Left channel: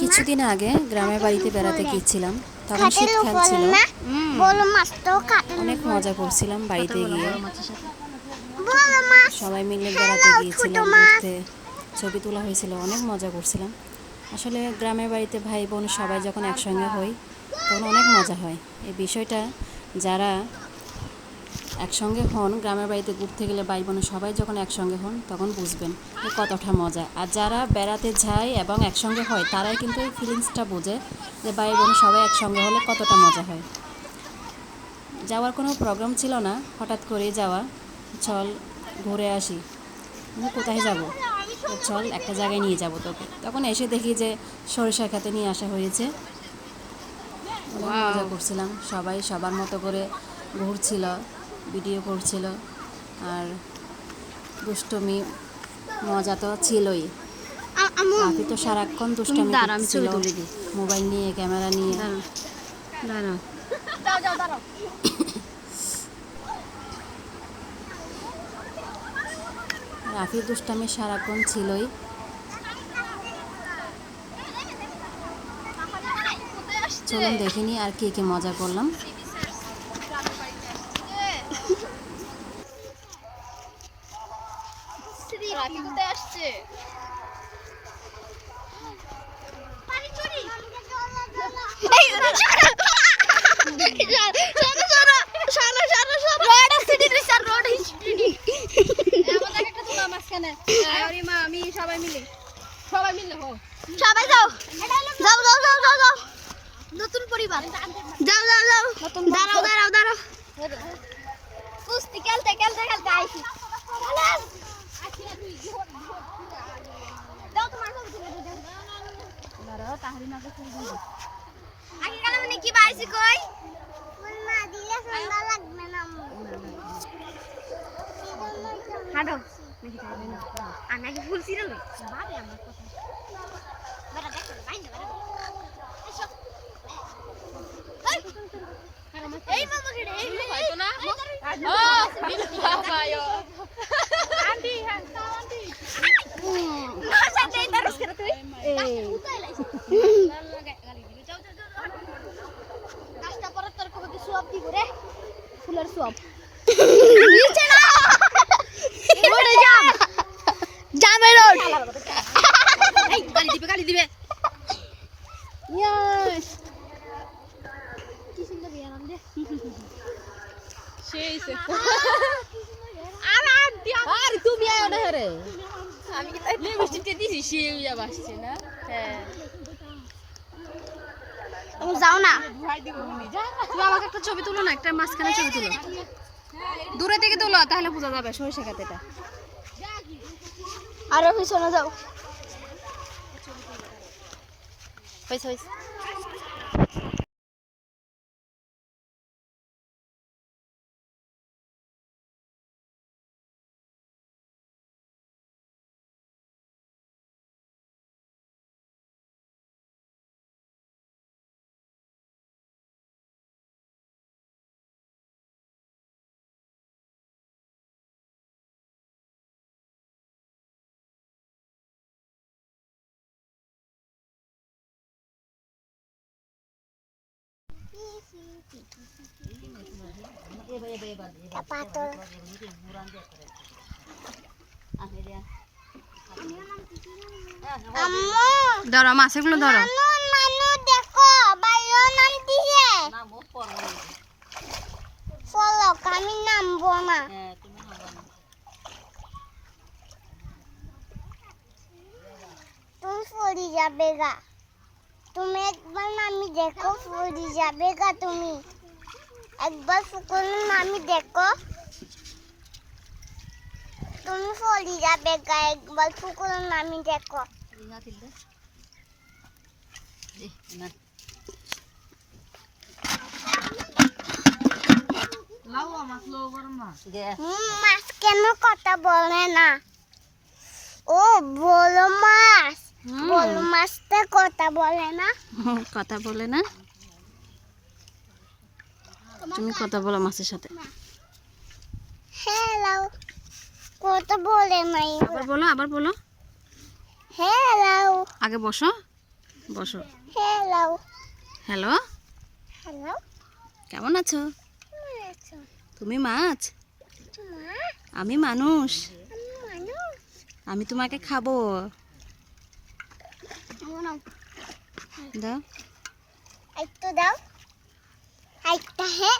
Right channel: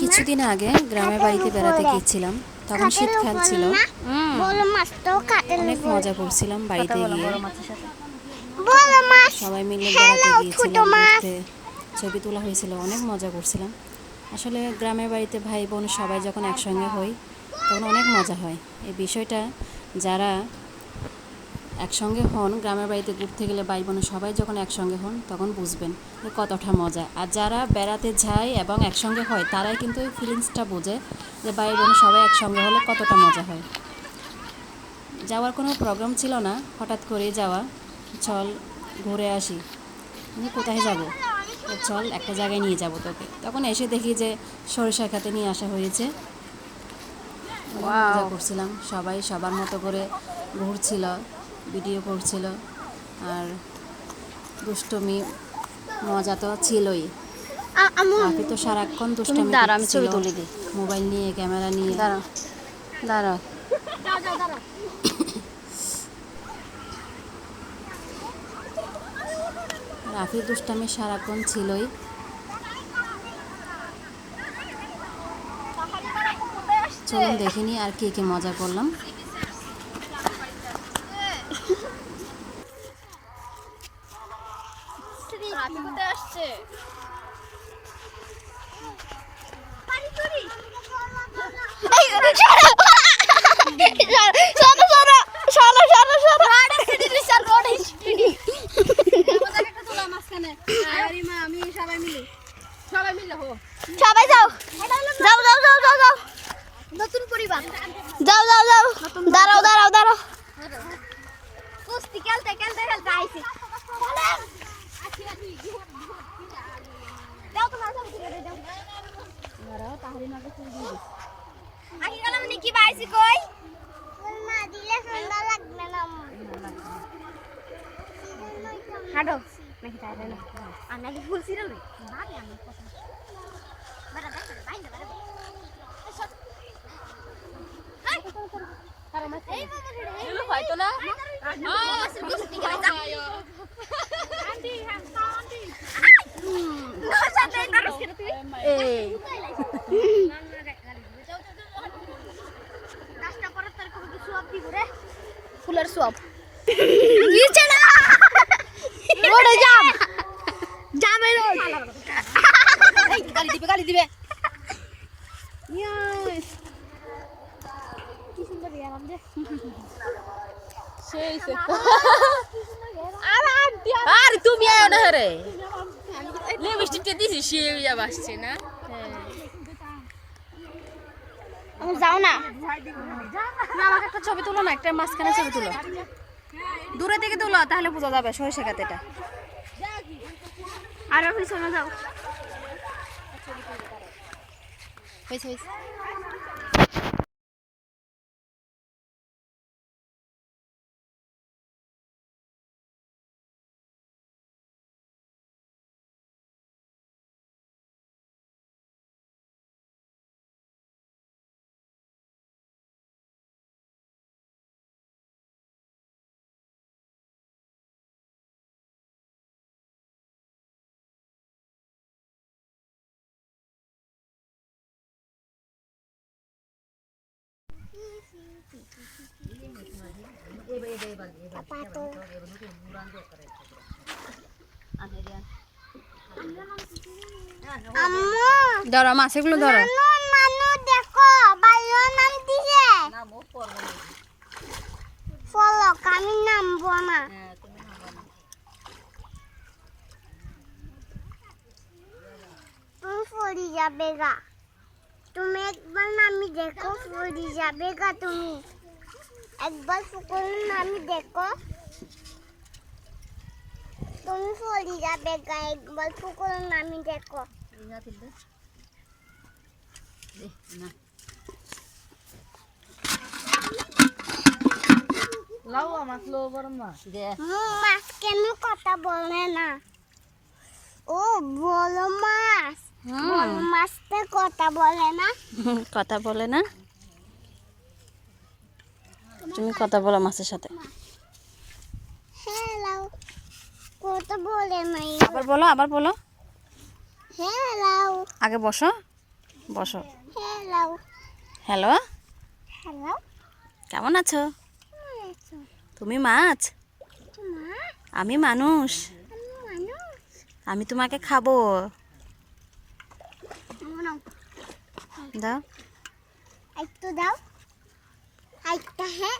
কিছুদিন আগে গ্রামের বাড়িতে বেড়াতে গিয়েছিলাম। তখন শীতকাল ছিল, অনেক মজা করছিলাম বাড়িতে গিয়ে। সবাই মিলে বেড়াতে গিয়েছিলাম, ঘুরতে, ছবি তোলা হয়েছিল, অনেক মজা করছিলাম। আসলে গ্রামের বাড়িতে ভাই বোন সবাই যখন একসঙ্গে হই তখন অনেক মজা হয়। এই বিষয়টা যারা একসঙ্গে হন, গ্রামের বাড়িতে ঘুরতে গেলে ভাই বোন সবাই যখন একসঙ্গে হন তখন বুঝবেন যে কতটা মজা। আর যারা বেড়াতে যায় এবং একসঙ্গে হয় তারাই কিন্তু এই ফিলিংসটা বোঝে যে ভাই বোন সবাই একসঙ্গে হলে কতটা মজা হয়। যাওয়ার কোনো প্রোগ্রাম ছিল না, হঠাৎ করেই যাওয়া, চল ঘুরে আসি। কোথায় যাব? চল একটা জায়গায় নিয়ে যাব তোকে। তখন এসে দেখি যে সরিষা খেতে নিয়ে আসা হয়েছে। মজা করছিলাম, সবাই সবার মতো করে ঘুরছিল, ভিডিও করছিল, আর দুষ্টমি মজা তো ছিলই। রাফি তো সারাক্ষণ দুষ্টমি করছিল, মোবাইল নিয়ে, ক্যামেরা নিয়ে। রাফির দুষ্টামি সারাক্ষণ ছিলই। চলুন দেখিনি আর কে মজা করলাম। সবাই যাও যাও যাও যাও যাও যাও নতুন পরিবার যাও যাও যাও দাঁড়াও দাঁড়াও দাঁড়াও কুস্তি খেলতে খেলতে খেলতে আইছি দাও তোমার সব তুলে দে দাঁড়াও তাহলে না আগে গেলাম নি কি বাইছি কই ফুল না দিলে সুন্দর লাগবে না হাঁটো নাকি তাই না আর নাকি ফুল ছিঁড়ে লই বাদে আমার কথা বেটা দেখ না বাইন্দা বেটা এই মামা রে এই হয়তো না আন্টি হ্যাঁ আন্টি না সাথে তরস করে তুই এই গালি দিবে যাও যাও যাও নাস্তা পরে তোর কবে কি সব দিব রে ফুলের সব নিচে না রোডে জাম জামে রোড এই গালি দিবে ইয়েস কি সুন্দর বিয়ার আমদে সেই সে আর তুমি আয় না রে আমি কি এই মিষ্টিতে দিছি সে যাব আসছে না হ্যাঁ তুমি যাও না তুমি আমাকে একটা ছবি তুলো না, একটা মাঝখানে ছবি তুলো, দূরে থেকে তুলো তাহলে বোঝা যাবে সরিষা খেতেটা। আরো পিছনে যাও হইছে ধরো মাছগুলো ধরো আমি নামবো না তুমি পড়ে যাবে গা তুমি একবার নামি দেখো পড়ে যাবে গা তুমি একবার পুকুরের নামি দেখো তুমি পড়ে যাবে গা একবার পুকুরের নামি দেখো মাছ কেন কথা বলে না ও বড় মাছ মাছটা কথা বলে না কথা বলে না তুমি কথা বলো মাছের সাথে হ্যালো কথা বলে নাই আবার বলো হ্যালো আগে বসো, বসো। হ্যালো হ্যালো, হ্যালো কেমন আছো? তুমি মাছ, আমি মানুষ। আমি তোমাকে খাবো। দাও। একটু দাও একটা হ্যাঁ